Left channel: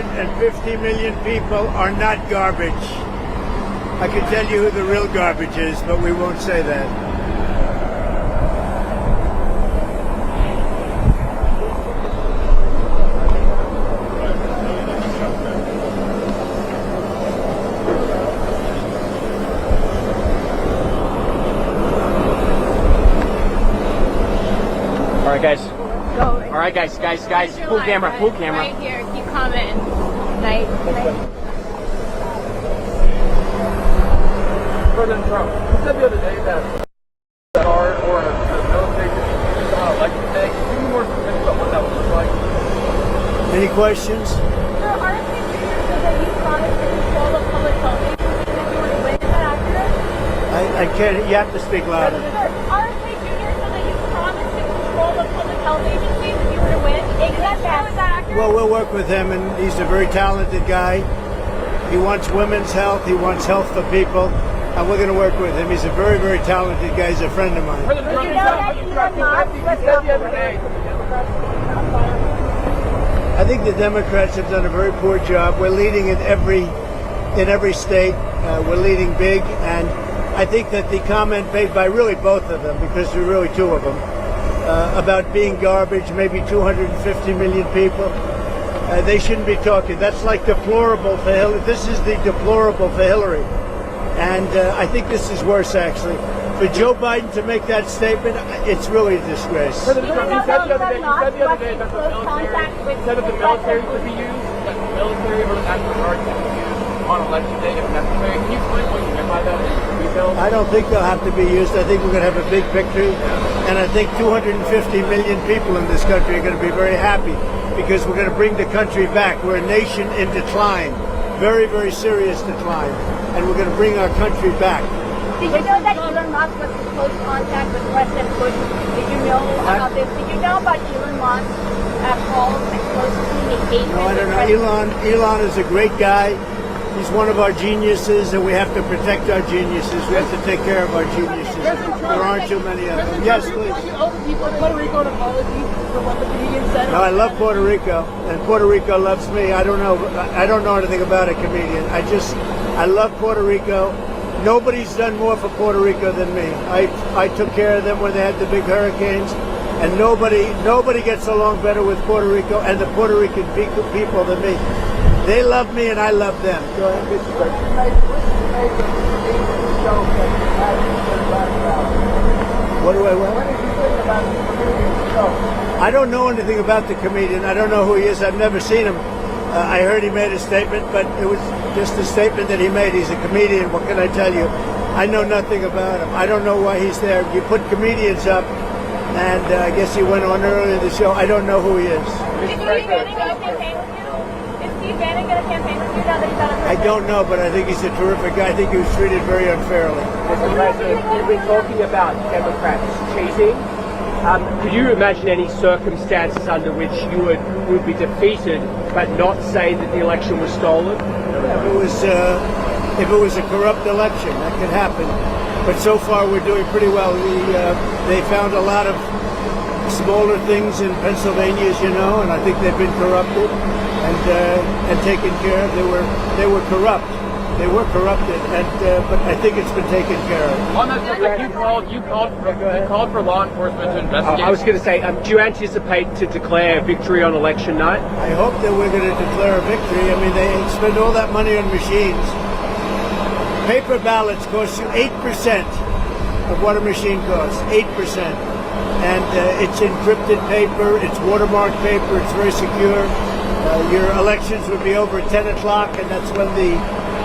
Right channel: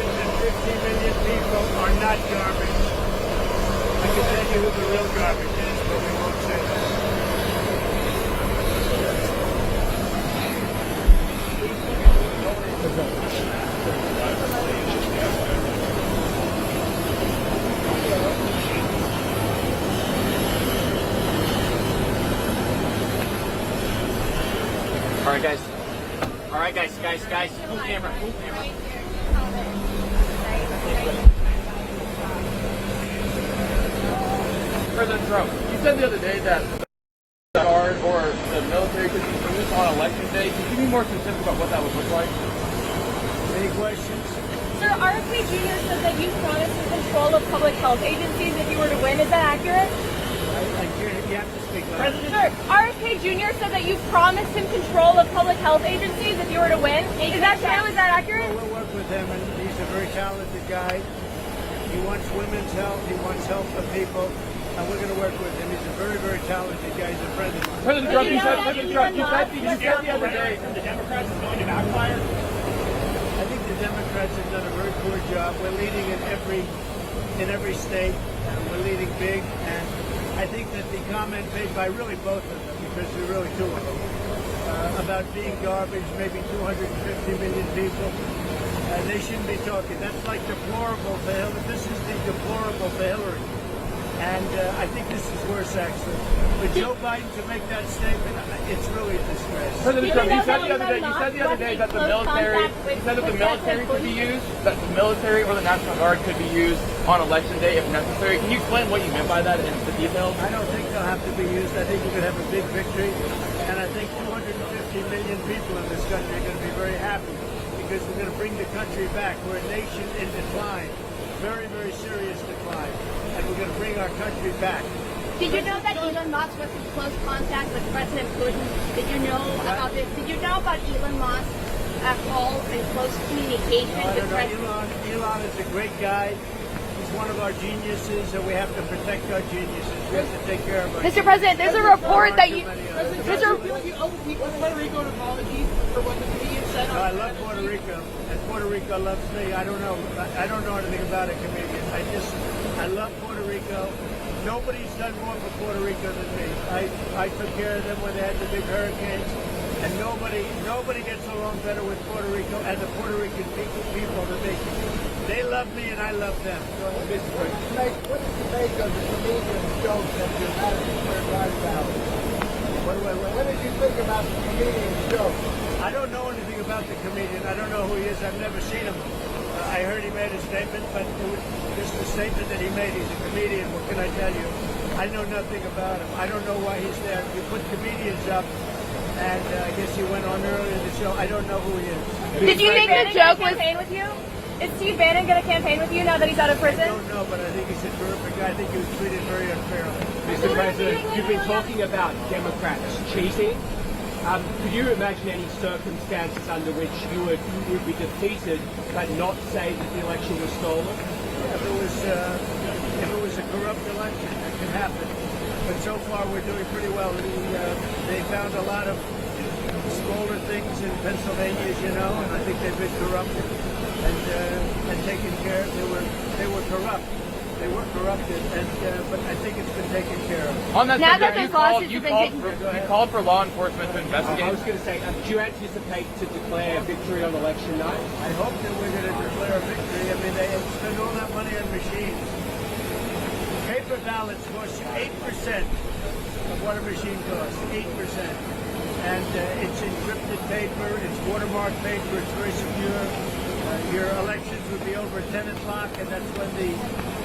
250 million people are not garbage. I can tell you who the real garbage is, but we won't say that. All right, guys. All right, guys. Full camera. Right here. Keep commenting. Right. Further than Trump. You said the other day that the guard or the military could be used on election day. Can you be more specific about what that would look like? Any questions? Sir, RFK Jr. said that you promised to control the public health agencies if you were to win. Is that accurate? I can't. You have to speak louder. Sir, RFK Jr. said that you promised him control of public health agencies if you were to win. Is that true? Is that accurate? Well, we'll work with him, and he's a very talented guy. He wants women's health. He wants health for people. And we're going to work with him. He's a very, very talented guy. He's a friend of mine. President Trump, the other day from the Democrats going about fire. I think the Democrats have done a very poor job. We're leading in every state. We're leading big, and I think that the comment made by really both of them, because there are really two of them, about being garbage, maybe 250 million people, they shouldn't be talking. That's like deplorable for Hillary. This is the deplorable for Hillary. And I think this is worse, actually. For Joe Biden to make that statement, it's really a disgrace. President Trump, you said the other day that the military could be used, that the military or the National Guard could be used on election day if necessary. Can you explain what you mean by that in the details? I don't think they'll have to be used. I think we're going to have a big victory. And I think 250 million people in this country are going to be very happy because we're going to bring the country back. We're a nation in decline, very, very serious decline. And we're going to bring our country back. Did you know that Elon Musk was in close contact with President Putin? Did you know about this? Did you know about Elon Musk calls and close communication I with don't know. Elon is a great guy. He's one of our geniuses, and we have to protect our geniuses. We have to take care of our Mr. geniuses. President, there's a report that you... Yes, please. You owe the people of Puerto Rico an apology for what the comedian said. No, I love Puerto Rico, and Puerto Rico loves me. I don't know anything about a comedian. I love Puerto Rico. Nobody's done more for Puerto Rico than me. I took care of them when they had the big hurricanes, and nobody gets along better with Puerto Rico and the Puerto Rican people than me. They love me and I love them. Go ahead. What do I want? I don't know anything about the comedian. I don't know who he is. I've never seen him. I heard he made a statement, but it was just a statement that he made. He's a comedian. What can I tell you? I know nothing about him. I don't know why he's there. You put comedians up, and I guess he went on earlier in the show. I don't know who he is. Did you make a joke with you? Is Steve Bannon going to campaign with you now that he's out of prison? I don't know, but I think he's a terrific guy. I think he was treated very unfairly. Mr. President, you've been talking about Democrats cheating. Could you imagine any circumstances under which you would be defeated but not say that the election was stolen? If it was a corrupt election, that could happen. But so far, we're doing pretty well. They found a lot of smaller things in Pennsylvania, as you know, and I think they've been corrupted and taken care of. They were corrupt. They were corrupted, but I think it's been taken care of. On that you called for law enforcement to investigate. I was going to say, do you anticipate to declare a victory on election night? I hope that we're going to declare a victory. I mean, they spend all that money on machines. Paper ballots cost you 8% of what a machine costs, 8%. And it's encrypted paper, it's watermarked paper, it's very secure. Your elections would be over at 10 o'clock, and that's when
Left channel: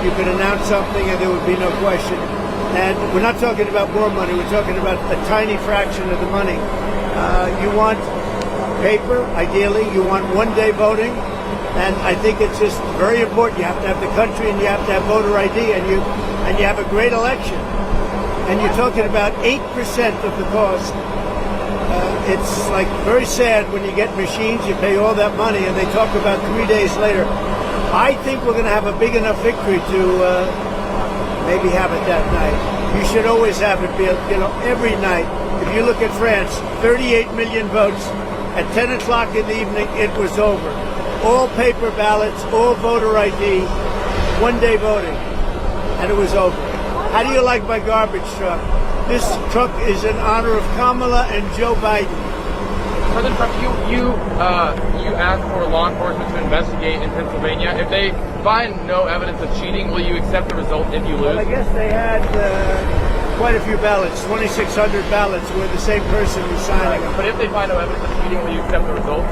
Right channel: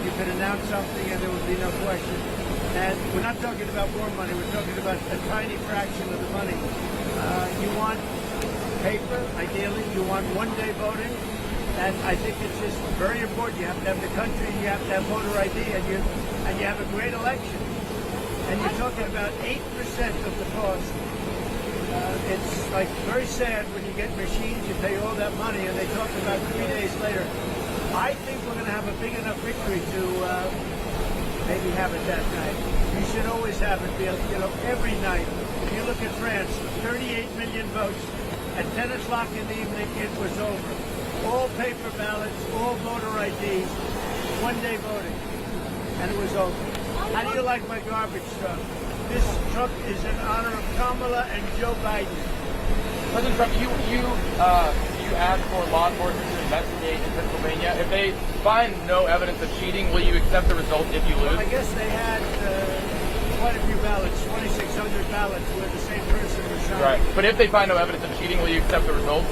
you can announce something and there would be no question. And we're not talking about more money, we're talking about a tiny fraction of the money. You want paper, ideally, you want one-day voting, and I think it's just very important. You have to have the country and you have to have voter ID, and you have a great election. And you're talking about 8% of the cost. It's like very sad when you get machines, you pay all that money, and they talk about 3 days later. I think we're going to have a big enough victory to maybe have it that night. You should always have it, every night. If you look at France, 38 million votes. At 10 o'clock in the evening, it was over. all paper ballots, all voter ID, one-day voting, and it was over. How do you like my garbage truck? This truck is in honor of Kamala and Joe Biden. President Trump, you asked for law enforcement to investigate in Pennsylvania. If they find no evidence of cheating, will you accept the result if you lose? Well, I guess they had quite a few ballots, 2,600 ballots where the same person was signing. But if they find no evidence of cheating, will you accept the results?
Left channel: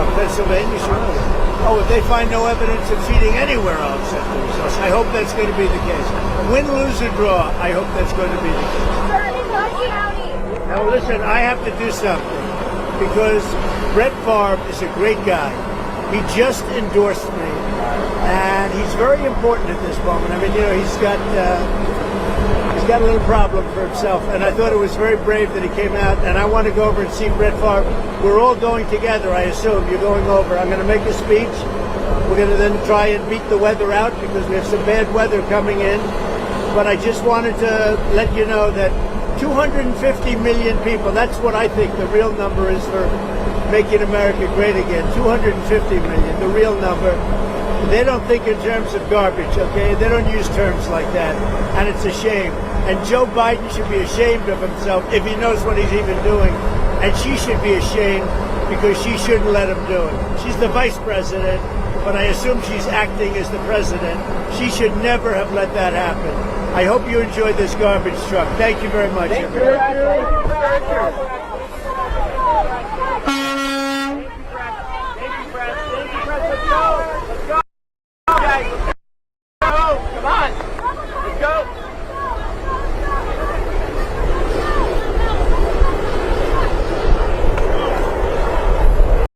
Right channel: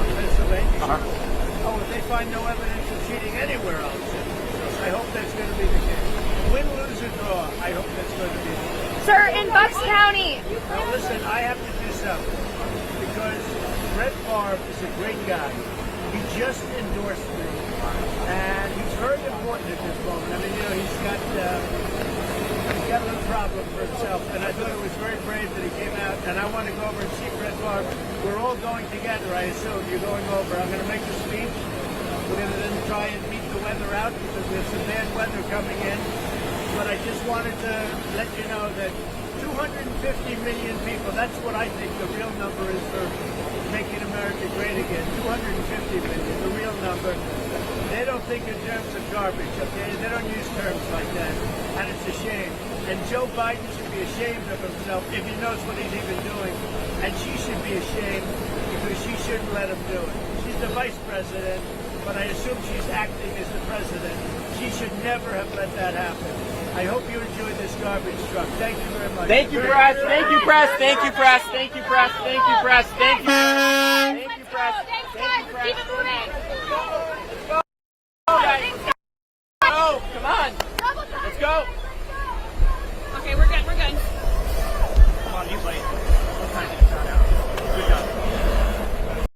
Of Pennsylvania, sure. Oh, if they find no evidence of cheating anywhere, I'll accept the results. I hope that's going to be the case. Win, lose, or draw, I hope that's going to be the case. Sir, in Bucks County. Now listen, I have to do something because Brett Favre is a great guy. He just endorsed me, and he's very important at this moment. I mean, you know, he's got a little problem for himself, and I thought it was very brave that he came out. And I want to go over and see Brett Favre. We're all going together, I assume. You're going over. I'm going to make a speech. We're going to then try and beat the weather out because we have some bad weather coming in. But I just wanted to let you know that 250 million people, that's what I think the real number is for making America great again. 250 million, the real number. They don't think in terms of garbage, okay? They don't use terms like that. And it's a shame. And Joe Biden should be ashamed of himself if he knows what he's even doing. And she should be ashamed because she shouldn't let him do it. She's the vice president, but I assume she's acting as the president. She should never have let that happen. I hope you enjoyed this garbage truck. Thank you very much. Thank you, press. Thank you, press. Thank you, press. Thank you, press. Thank you, press. Thank you.